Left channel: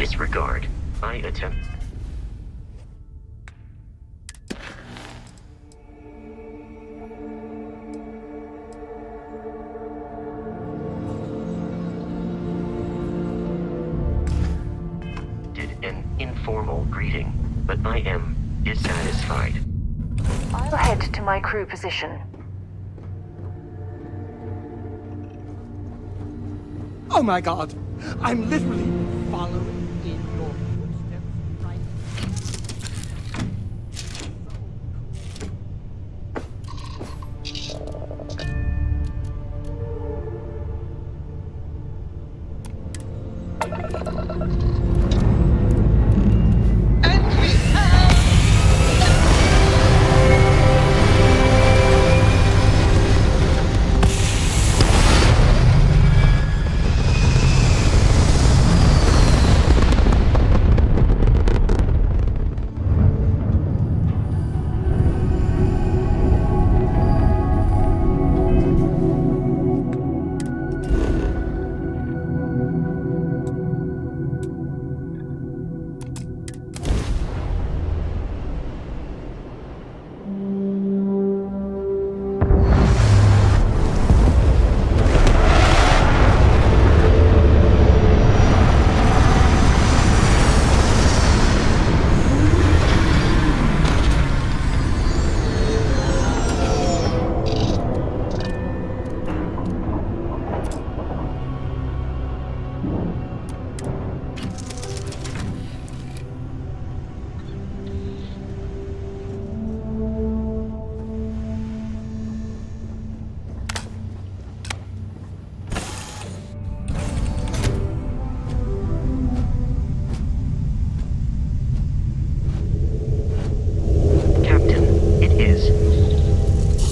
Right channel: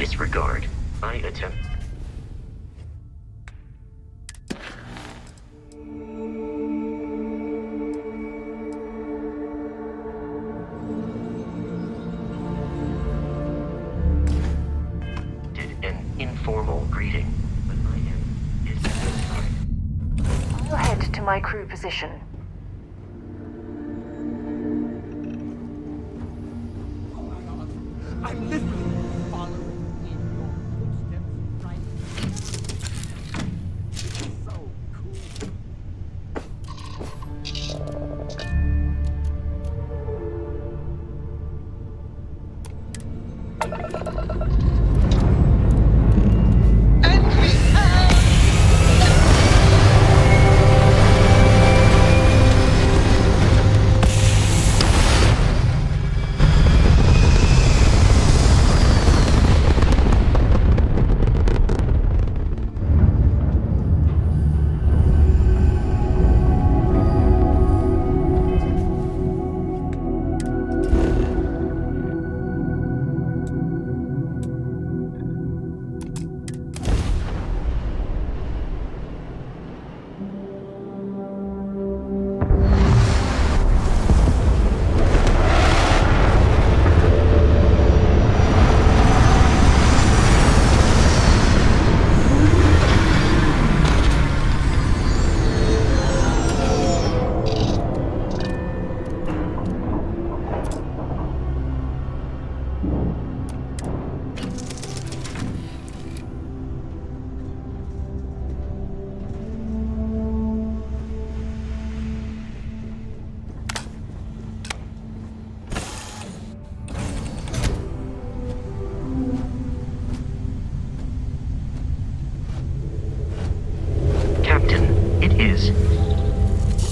Disregard. I attempt. Did an informal greeting, but I am dissatisfied. I'll head to my crew position. Oh my god! I'm literally following in your footsteps right now. So cool.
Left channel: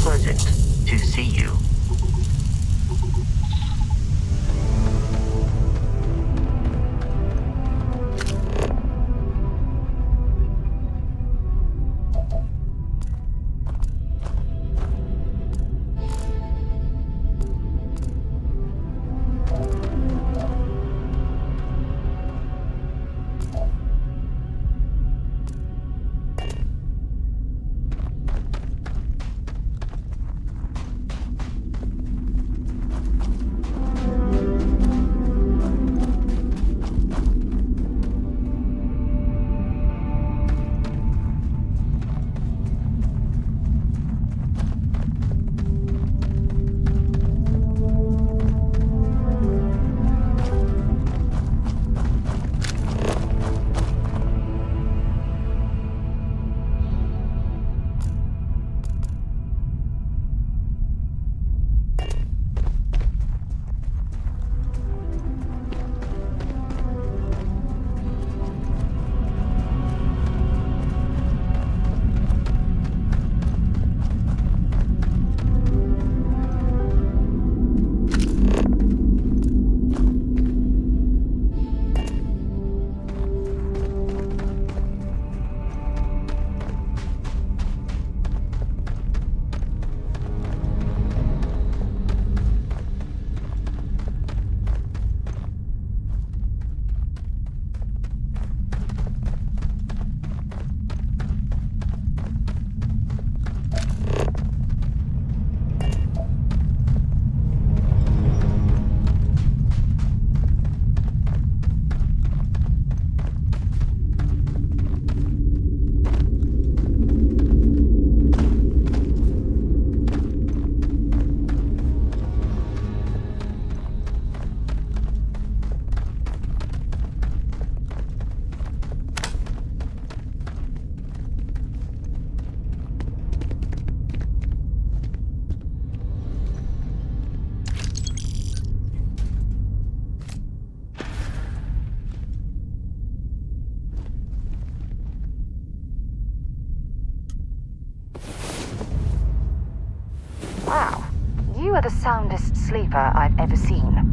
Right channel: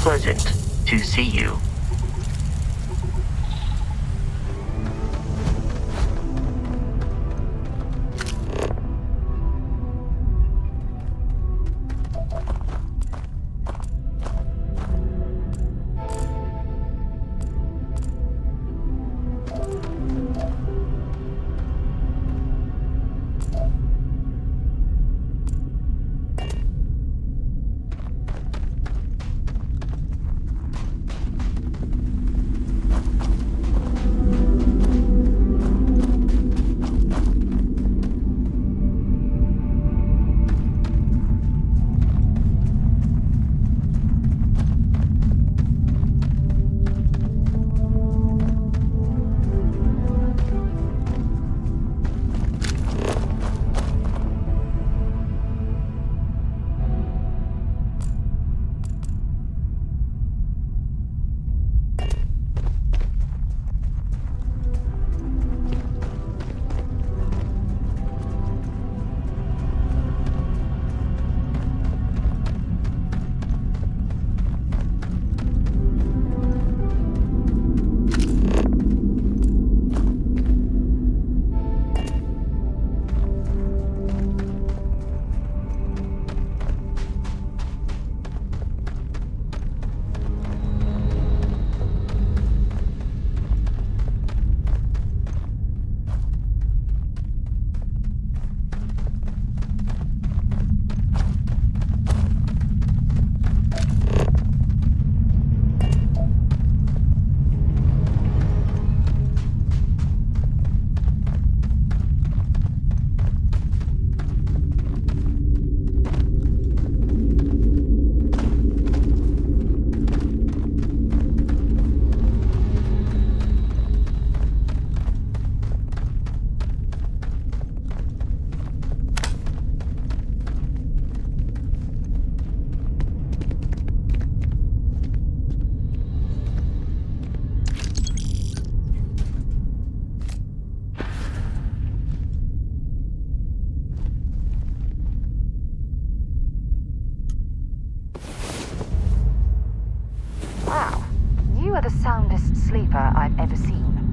Pleasant to see you. You are the soundest sleeper I've ever seen.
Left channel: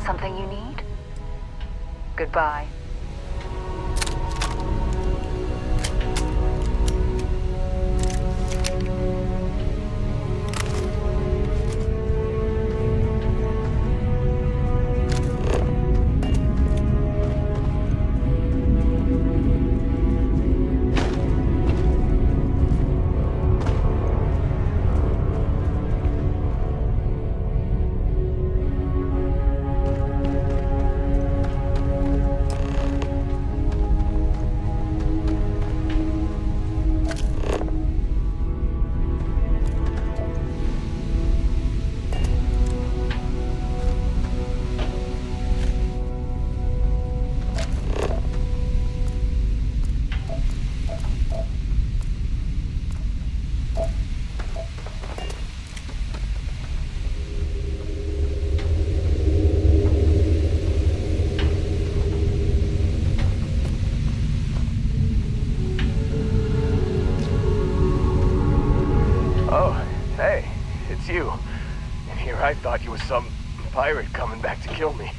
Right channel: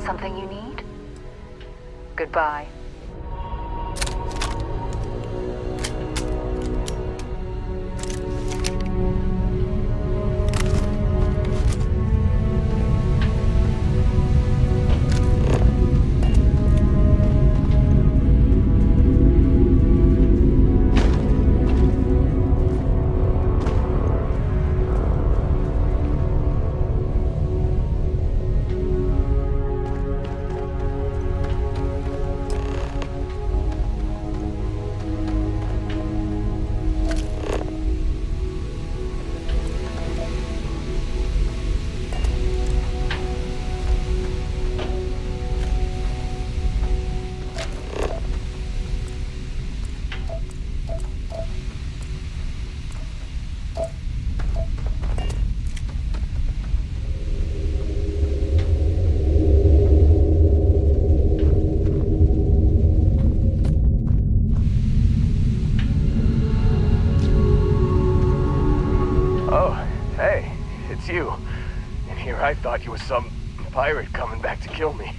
Something you need? Goodbye. Oh, hey, it's you. And here I thought you was some pirate coming back to kill me.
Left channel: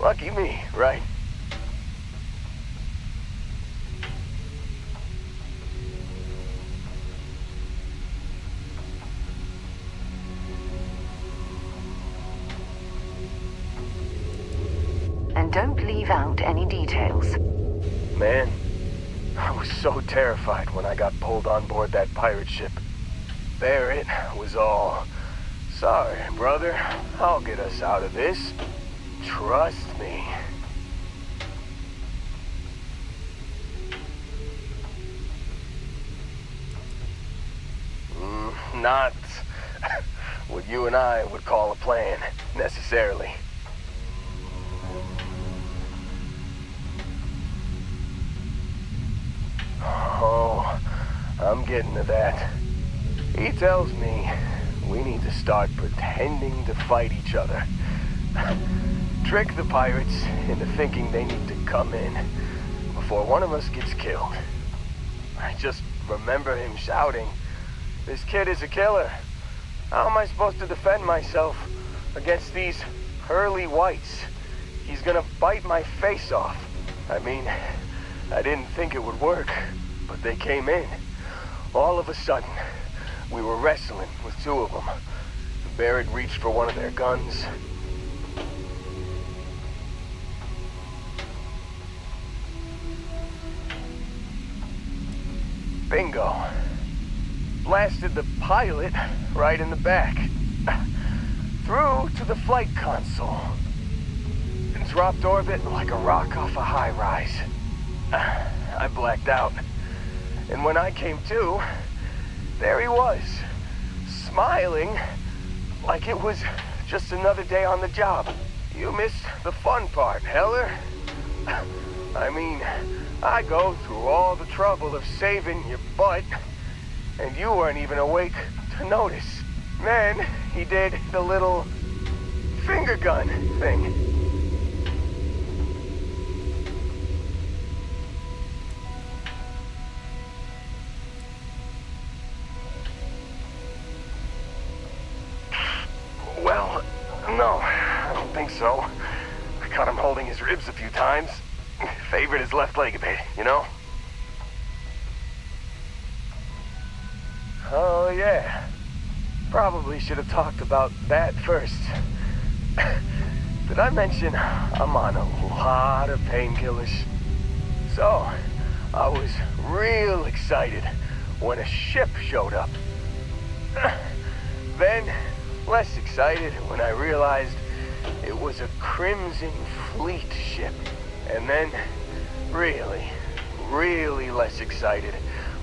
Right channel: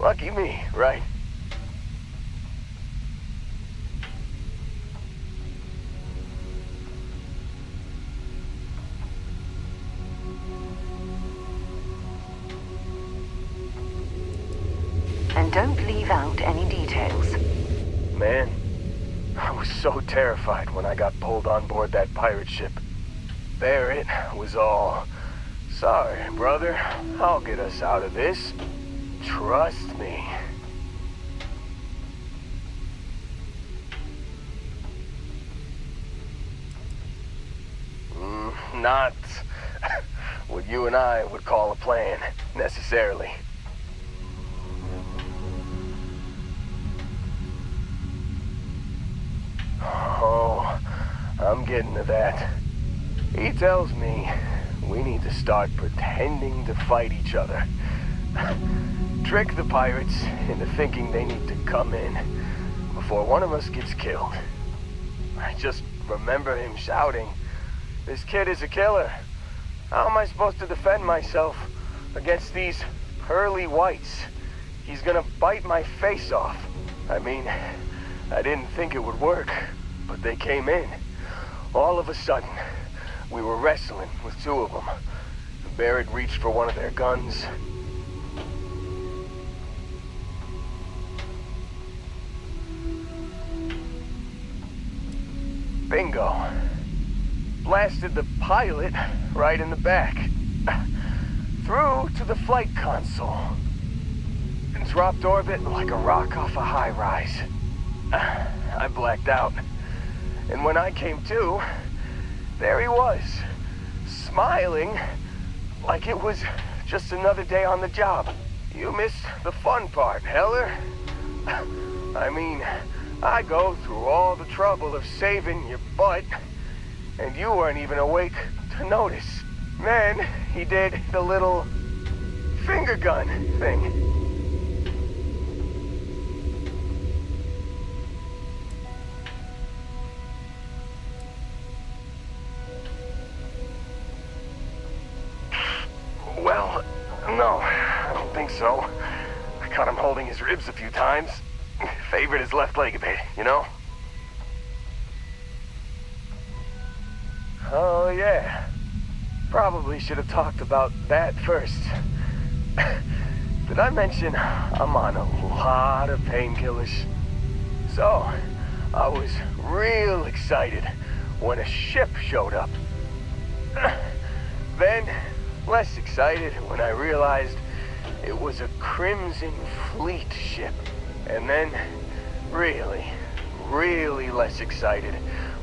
Lucky me, right? And don't leave out any details. Man, I was so terrified when I got pulled on board that pirate ship. There it was all. Sorry, brother. I'll get us out of this. Trust me. Not what you and I would call a plan, necessarily. Oh, I'm getting to that. He tells me we need to start pretending to fight each other. Trick the pirates into thinking they need to come in before one of us gets killed. I just remember him shouting, "This kid is a killer. How am I supposed to defend myself against these pearly whites? He's gonna bite my face off." I mean, I didn't think it would work, but they came in. All of a sudden, we were wrestling with two of them. Barrett reached for one of their guns. Bingo. Blasted the pilot right in the back. Through to the flight console. And dropped orbit like a rock off a high-rise. I blacked out. And when I came to, there he was, smiling like it was just another day on the job. You missed the fun part, Heller. I mean, I go through all the trouble of saving your butt, and you weren't even awake to notice. Then he did the little finger gun thing. Well, no, I don't think so. I caught him holding his ribs a few times. Favored his left leg a bit, you know? Oh, yeah. Probably should have talked about that first. Did I mention I'm on a lot of painkillers? So, I was real excited when a ship showed up. Then, less excited when I realized it was a Crimson Fleet ship. And then, really, really less excited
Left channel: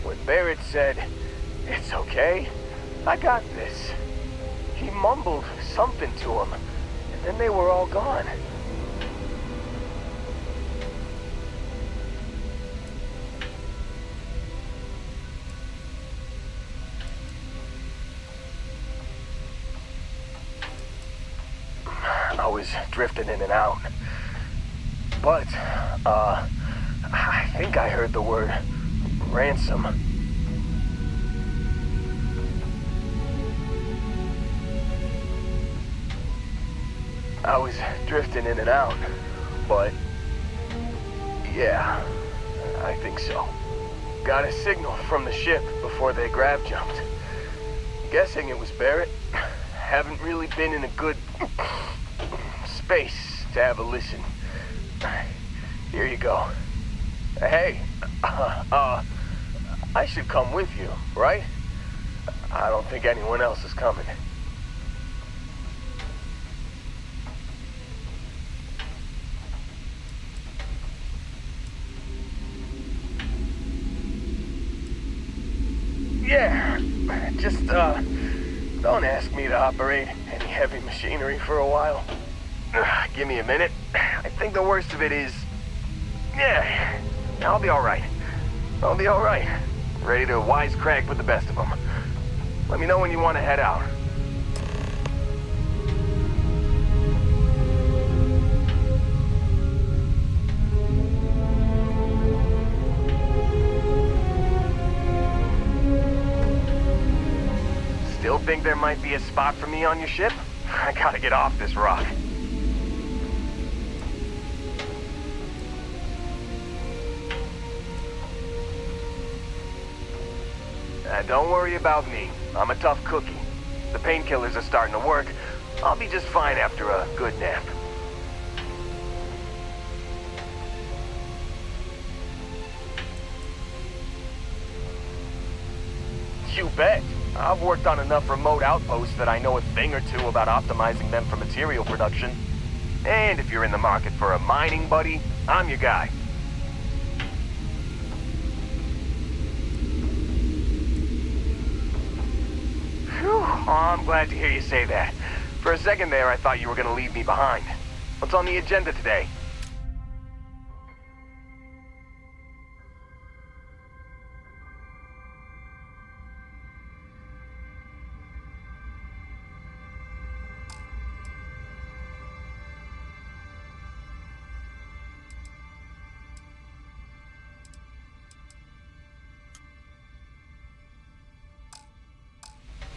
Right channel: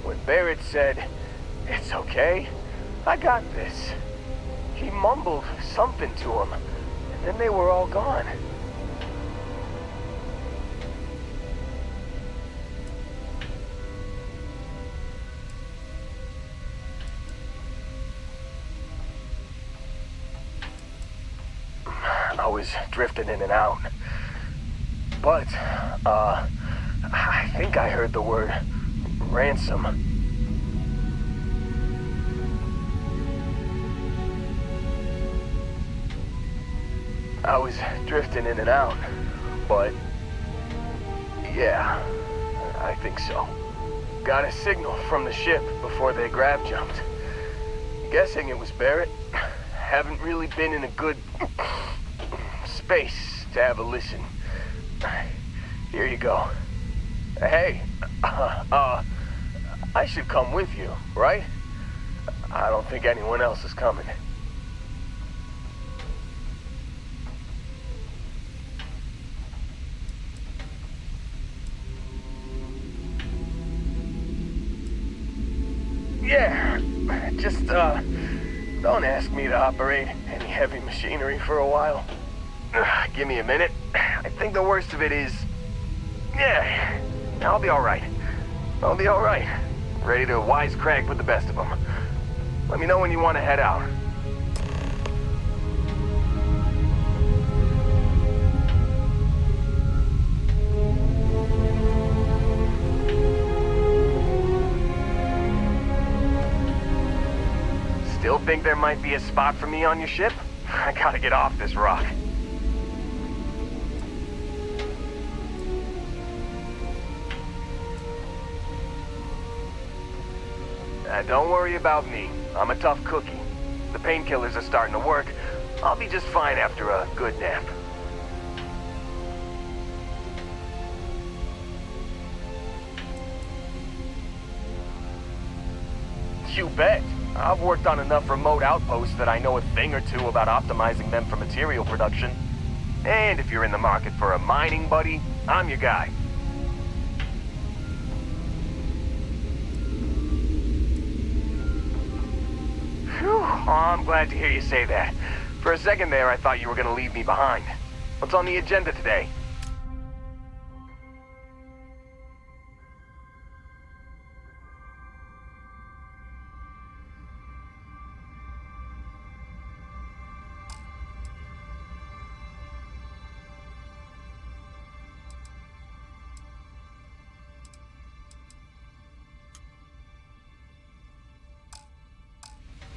when Barrett said, "It's okay, I got this." He mumbled something to him, and then they were all gone. I was drifting in and out. But, I think I heard the word ransom. I was drifting in and out, but yeah, I think so. Got a signal from the ship before they grav jumped. Guessing it was Barrett. Haven't really been in a good space to have a listen. Here you go. Hey, I should come with you, right? I don't think anyone else is coming. Yeah, just, don't ask me to operate any heavy machinery for a while. Give me a minute. I think the worst of it is... Yeah, I'll be alright. I'll be alright. Ready to wisecrack with the best of them. Let me know when you want to head out. Still think there might be a spot for me on your ship? I gotta get off this rock. Don't worry about me. I'm a tough cookie. The painkillers are starting to work. I'll be just fine after a good nap. You bet. I've worked on enough remote outposts that I know a thing or two about optimizing them for material production. And if you're in the market for a mining buddy, I'm your guy. Phew, oh, I'm glad to hear you say that. For a second there, I thought you were gonna leave me behind. What's on the agenda today?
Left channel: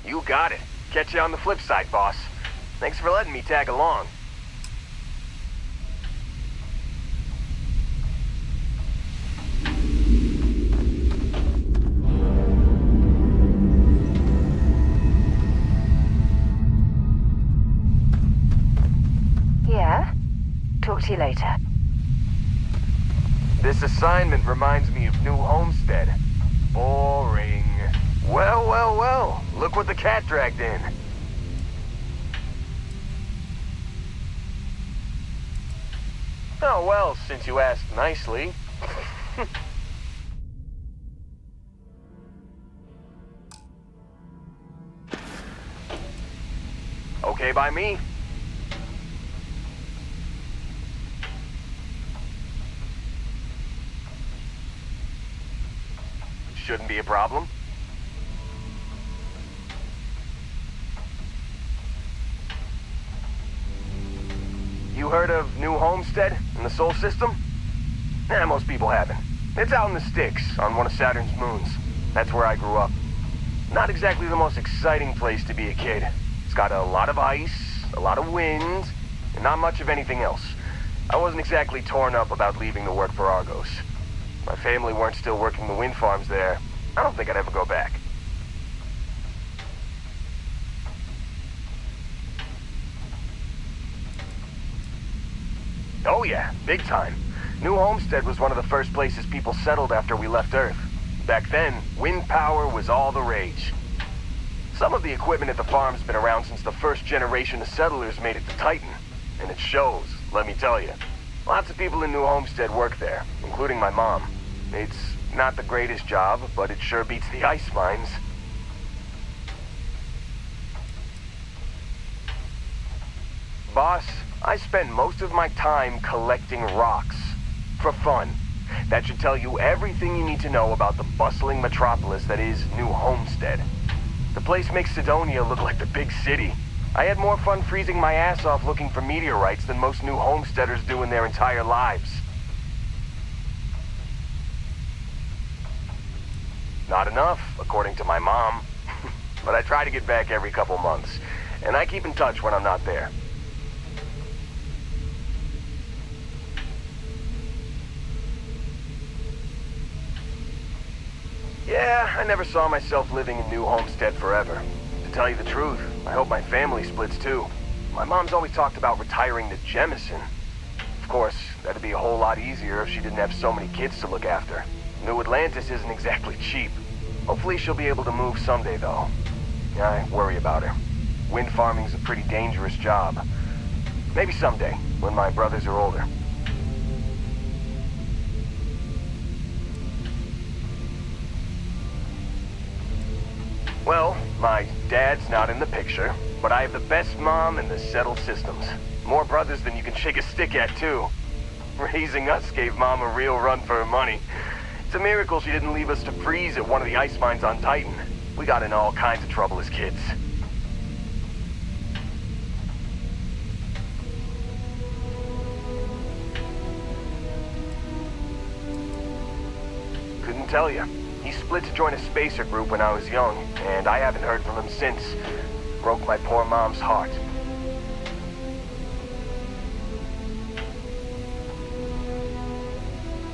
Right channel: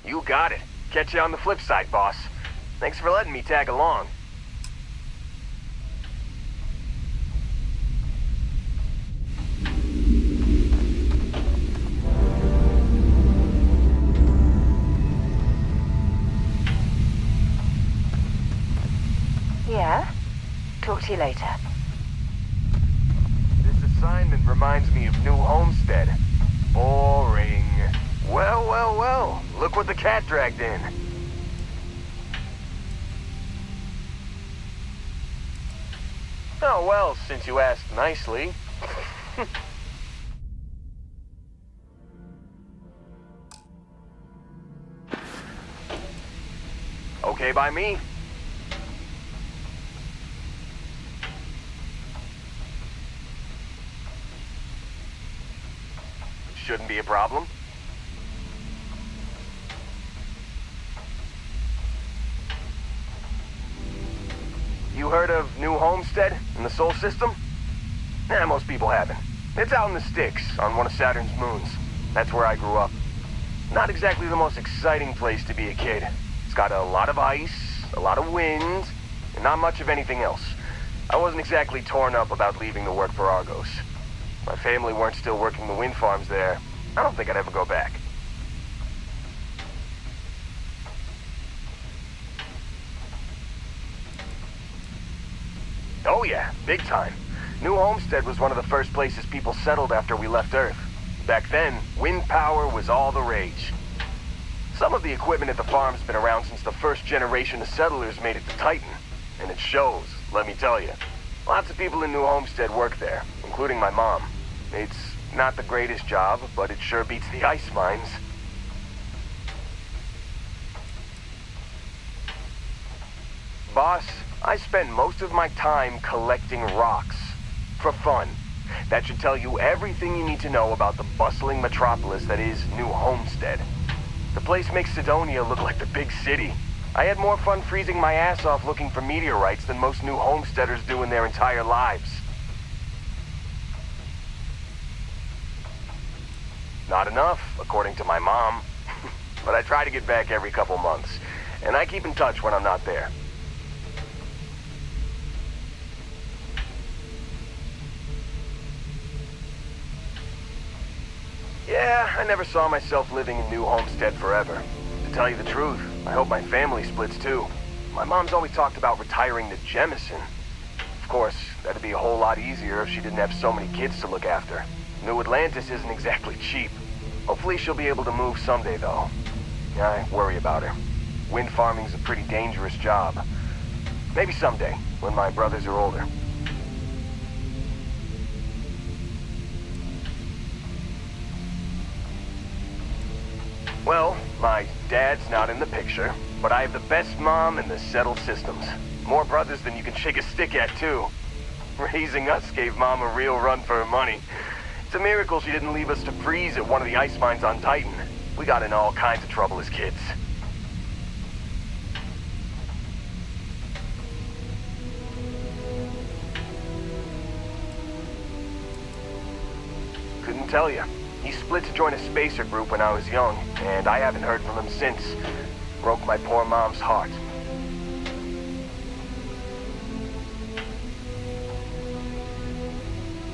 You got it. Catch you on the flip side, boss. Thanks for letting me tag along. Yeah? Talk to you later. This assignment reminds me of New Homestead. Boring. Well, well, well. Look what the cat dragged in. Oh, well, since you asked nicely. Okay by me. Shouldn't be a problem. You heard of New Homestead in the Sol system? Most people haven't. It's out in the sticks, on one of Saturn's moons. That's where I grew up. Not exactly the most exciting place to be a kid. It's got a lot of ice, a lot of wind, and not much of anything else. I wasn't exactly torn up about leaving to work for Argos. My family weren't still working the wind farms there. I don't think I'd ever go back. Oh yeah, big time. New Homestead was one of the first places people settled after we left Earth. Back then, wind power was all the rage. Some of the equipment at the farm's been around since the first generation of settlers made it to Titan. And it shows, let me tell you. Lots of people in New Homestead work there, including my mom. It's not the greatest job, but it sure beats the ice mines. Boss, I spend most of my time collecting rocks. For fun. That should tell you everything you need to know about the bustling metropolis that is New Homestead. The place makes Sidonia look like the big city. I had more fun freezing my ass off looking for meteorites than most new homesteaders do in their entire lives. Not enough, according to my mom. But I try to get back every couple months, and I keep in touch when I'm not there. Yeah, I never saw myself living in New Homestead forever. To tell you the truth, I hope my family splits too. My mom's always talked about retiring to Jemison. Of course, that'd be a whole lot easier if she didn't have so many kids to look after. New Atlantis isn't exactly cheap. Hopefully she'll be able to move someday, though. Yeah, I worry about her. Wind farming's a pretty dangerous job. Maybe someday, when my brothers are older. Well, my dad's not in the picture, but I have the best mom in the settled systems. More brothers than you can shake a stick at, too. Raising us gave Mom a real run for her money. It's a miracle she didn't leave us to freeze at one of the ice mines on Titan. We got in all kinds of trouble as kids. Couldn't tell you. He split to join a spacer group when I was young, and I haven't heard from him since. Broke my poor mom's heart.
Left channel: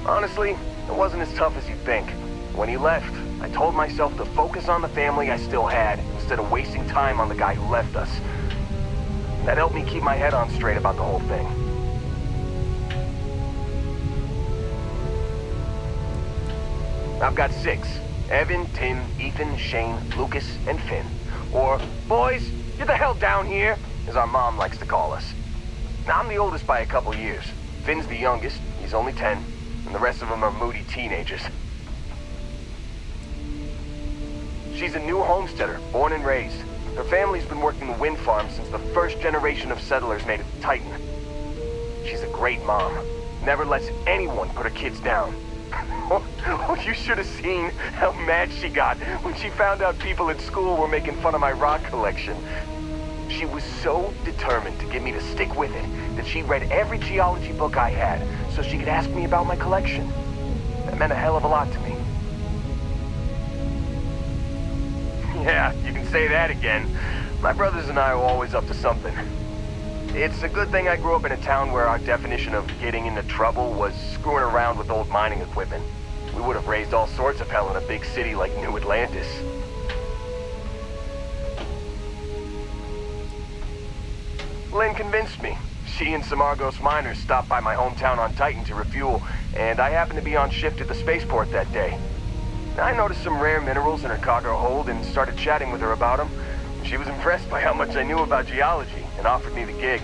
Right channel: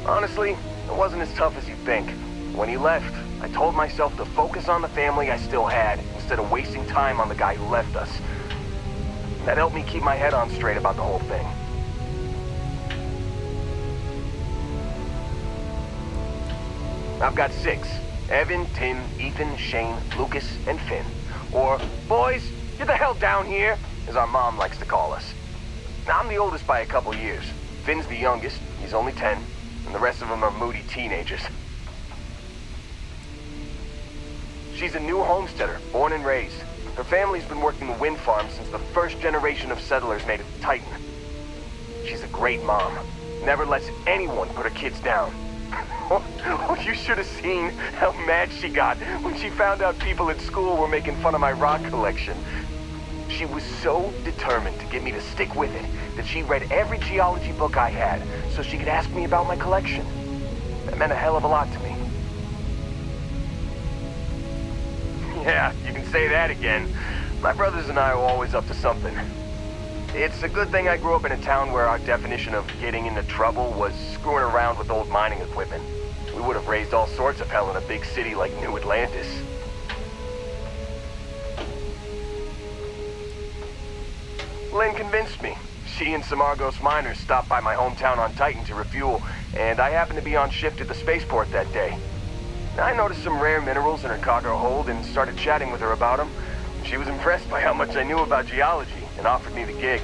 Honestly, it wasn't as tough as you'd think. When he left, I told myself to focus on the family I still had, instead of wasting time on the guy who left us. That helped me keep my head on straight about the whole thing. I've got 6. Evan, Tim, Ethan, Shane, Lucas, and Finn. Or, boys, get the hell down here, as our mom likes to call us. Now, I'm the oldest by a couple years. Finn's the youngest, he's only 10, and the rest of them are moody teenagers. She's a new homesteader, born and raised. Her family's been working the wind farm since the first generation of settlers made it to Titan. She's a great mom. Never lets anyone put her kids down. Oh, you should have seen how mad she got when she found out people at school were making fun of my rock collection. She was so determined to get me to stick with it that she read every geology book I had so she could ask me about my collection. That meant a hell of a lot to me. Yeah, you can say that again. My brothers and I were always up to something. It's a good thing I grew up in a town where our definition of getting into trouble was screwing around with old mining equipment. We would have raised all sorts of hell in a big city like New Atlantis. Lynn convinced me. She and some Argos miners stopped by my hometown on Titan to refuel, and I happened to be on shift at the spaceport that day. I noticed some rare minerals in her cargo hold and started chatting with her about them. She was impressed by how much I knew about geology and offered me the gig.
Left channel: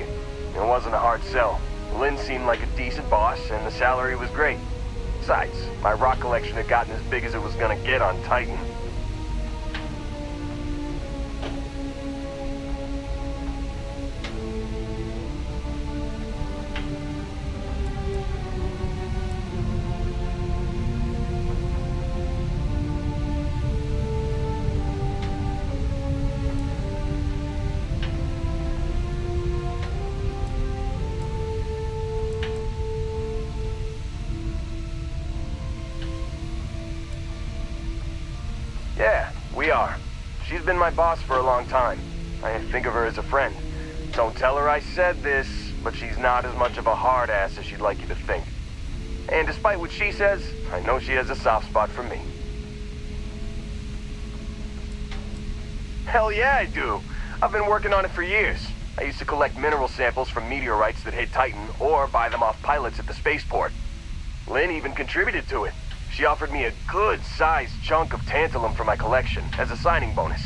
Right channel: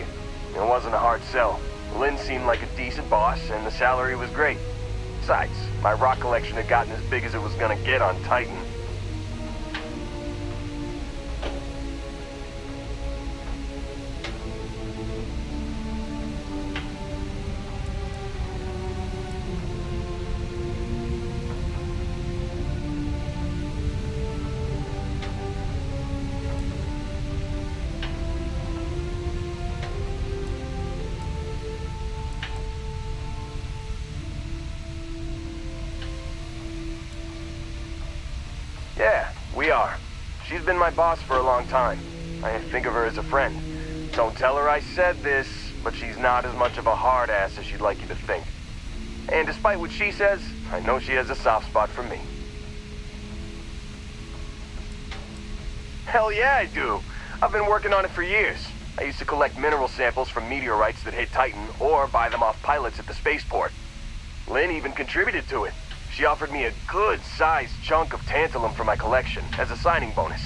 It wasn't a hard sell. Lynn seemed like a decent boss, and the salary was great. Besides, my rock collection had gotten as big as it was gonna get on Titan. Yeah, we are. She's been my boss for a long time. I think of her as a friend. Don't tell her I said this, but she's not as much of a hard ass as she'd like you to think. And despite what she says, I know she has a soft spot for me. Hell yeah, I do. I've been working on it for years. I used to collect mineral samples from meteorites that hit Titan, or buy them off pilots at the spaceport. Lynn even contributed to it. She offered me a good-sized chunk of tantalum for my collection, as a signing bonus.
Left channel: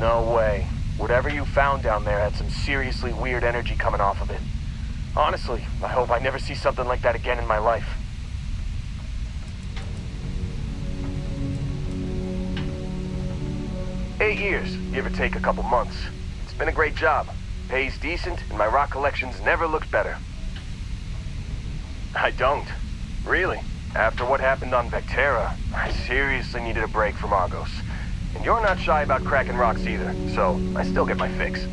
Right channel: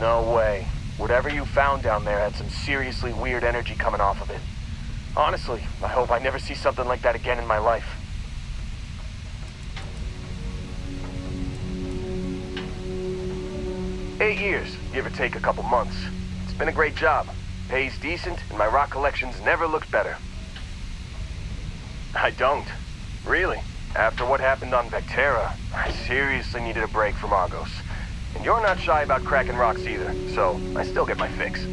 No way. Whatever you found down there had some seriously weird energy coming off of it. Honestly, I hope I never see something like that again in my life. "8 years, give or take a couple months. It's been a great job. Pays decent, and my rock collection's never looked better." I don't. Really. After what happened on Vectera, I seriously needed a break from Argos. And you're not shy about cracking rocks either, so I still get my fix.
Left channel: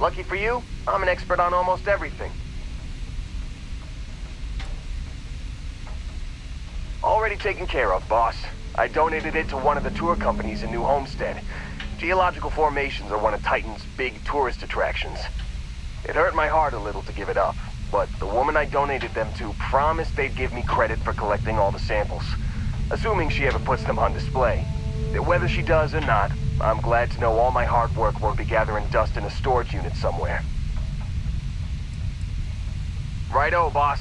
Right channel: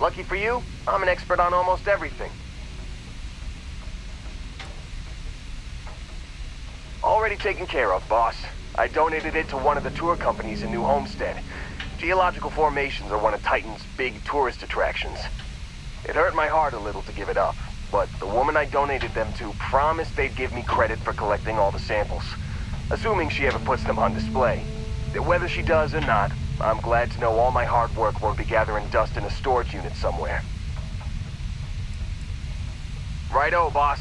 Lucky for you, I'm an expert on almost everything. Already taken care of, boss. I donated it to one of the tour companies in New Homestead. Geological formations are one of Titan's big tourist attractions. It hurt my heart a little to give it up, but the woman I donated them to promised they'd give me credit for collecting all the samples, assuming she ever puts them on display. Whether she does or not, I'm glad to know all my hard work won't be gathering dust in a storage unit somewhere. Righto, boss.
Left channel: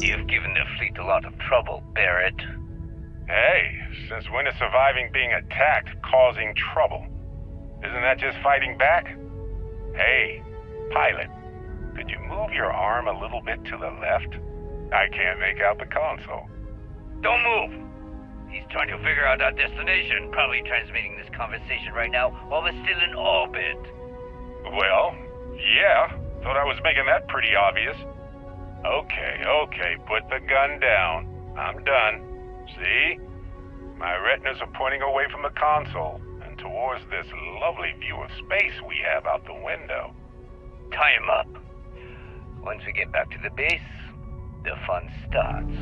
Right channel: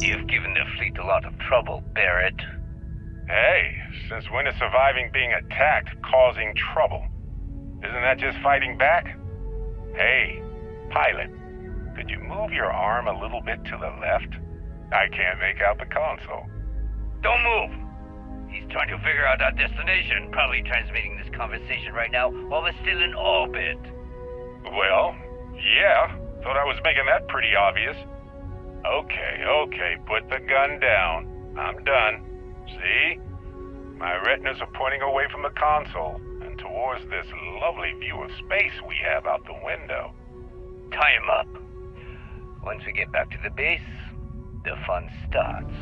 You've given the fleet a lot of trouble, Barrett. Hey, since when is surviving being attacked causing trouble? Isn't that just fighting back? Hey, pilot, could you move your arm a little bit to the left? I can't make out the console. Don't move! He's trying to figure out our destination, probably transmitting this conversation right now while we're still in orbit. Well, yeah, thought I was making that pretty obvious. Okay, put the gun down. I'm done. See? My retinas are pointing away from the console and towards this lovely view of space we have out the window. Tie him up. Once we get back to the base, the fun starts.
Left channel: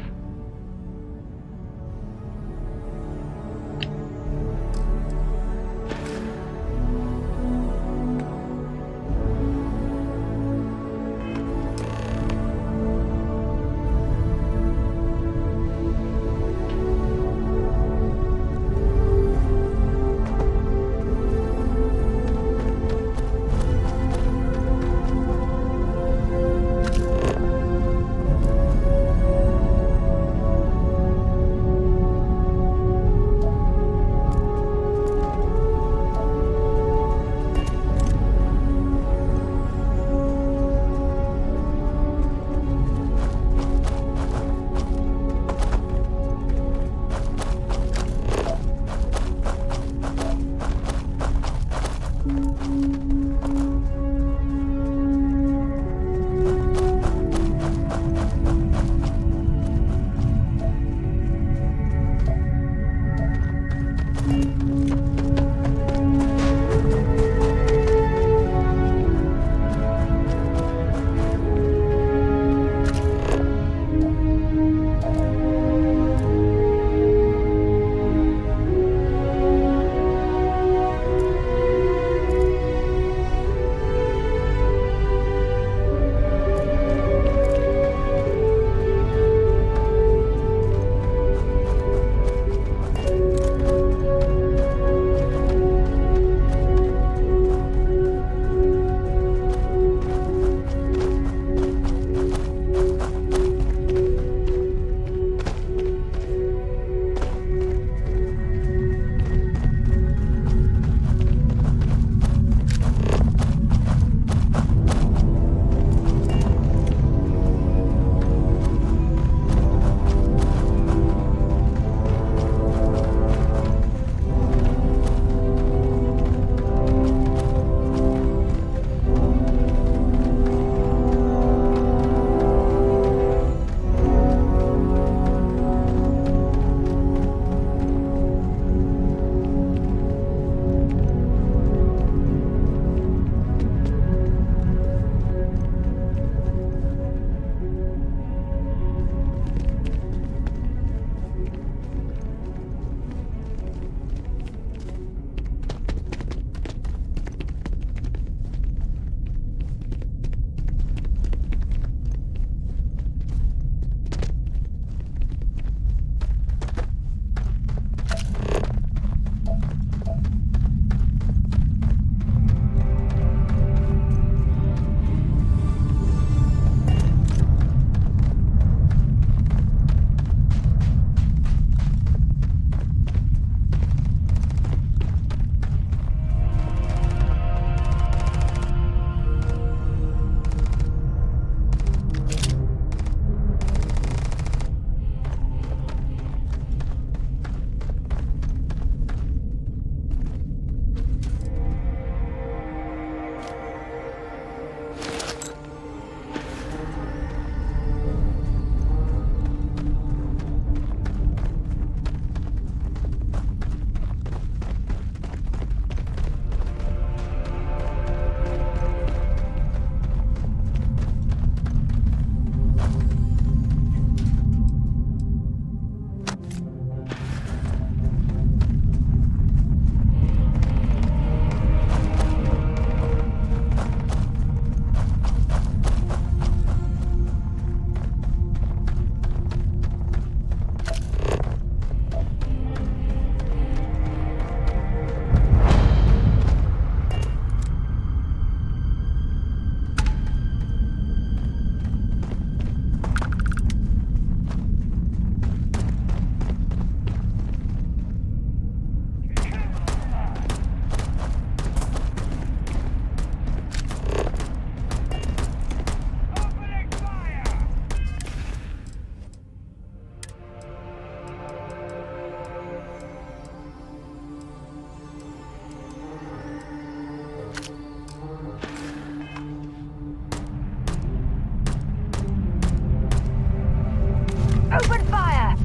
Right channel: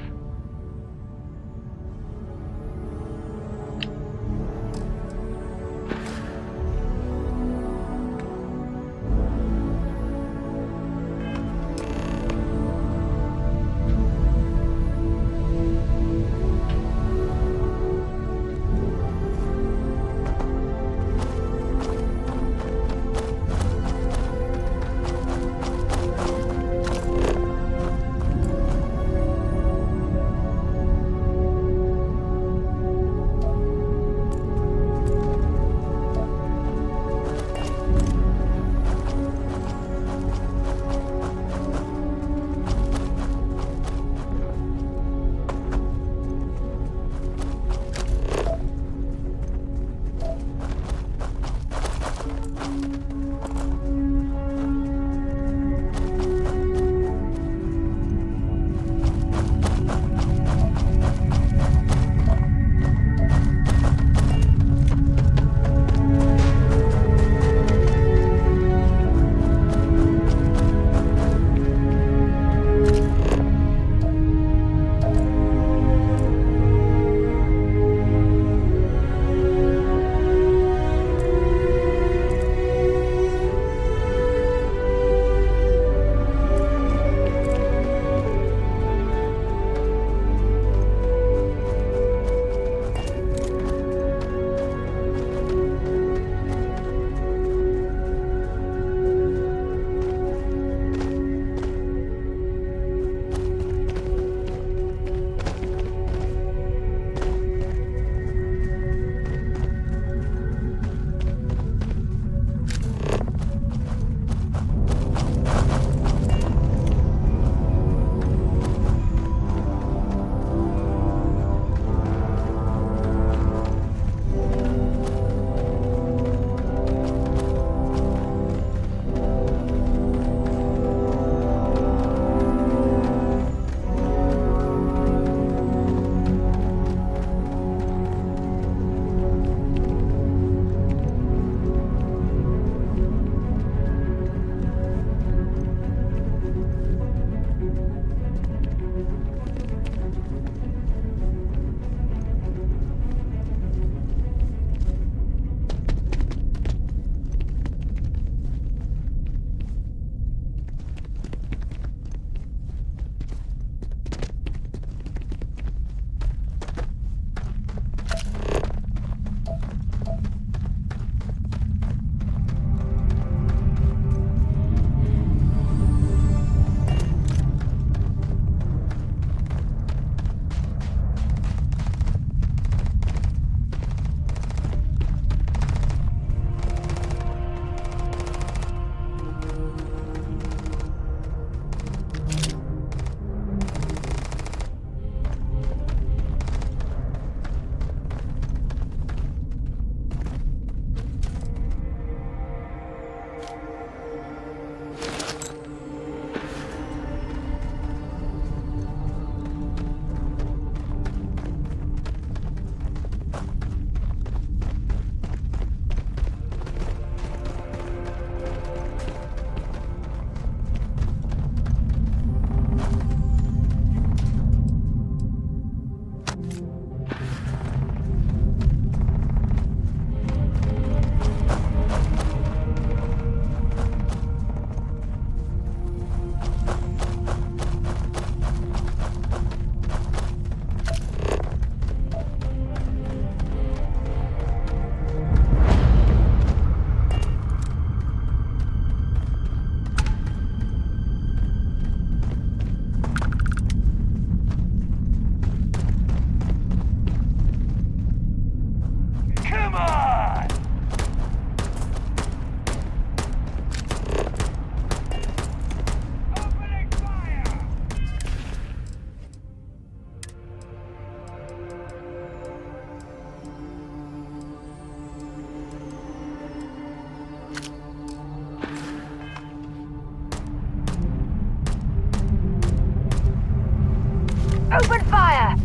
Open fire!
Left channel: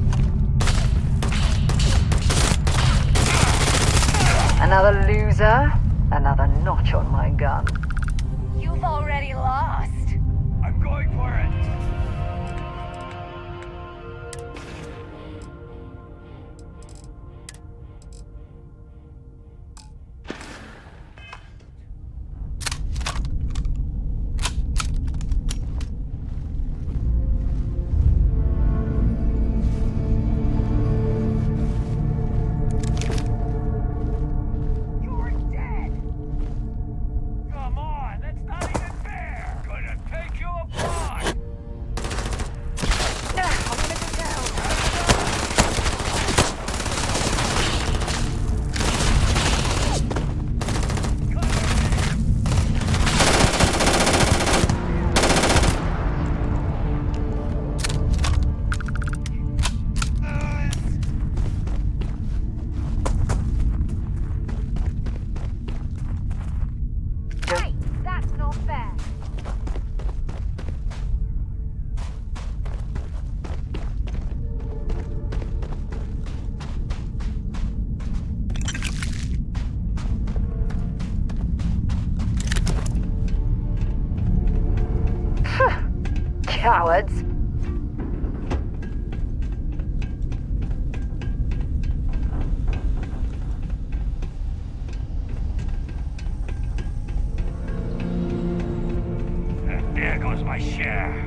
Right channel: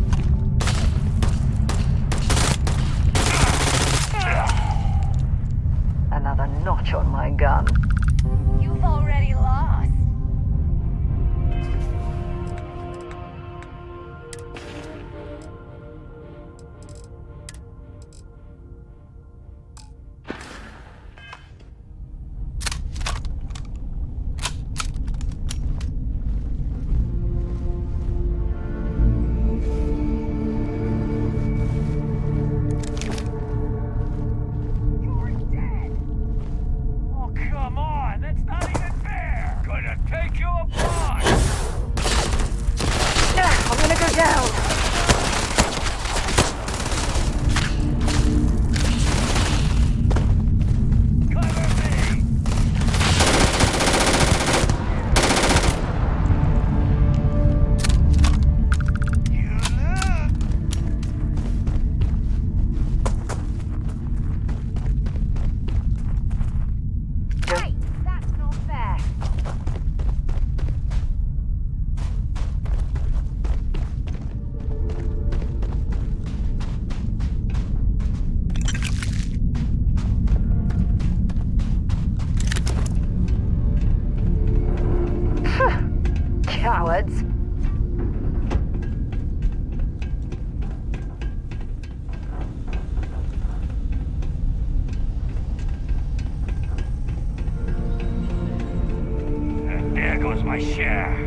Another loser, another notch on my gun. You've already lost. I'm going for it. You're dead. Oh, come on. That's not even fair. Gonna take you apart. I'm gonna go down. Cover me. You lose. Hey, that's not fair. Cowards. And there goes my share.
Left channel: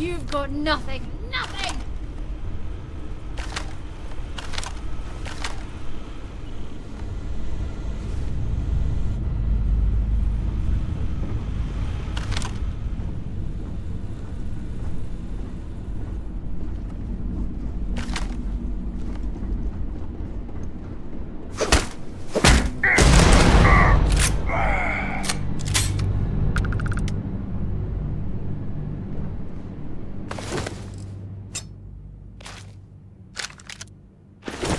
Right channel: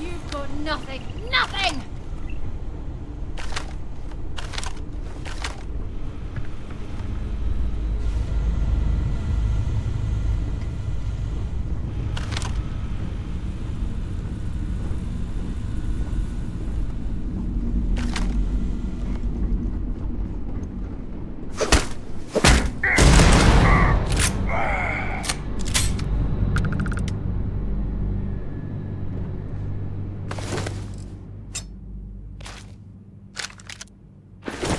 You've got nothing. Nothing!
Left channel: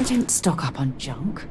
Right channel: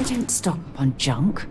I don't stock up on junk.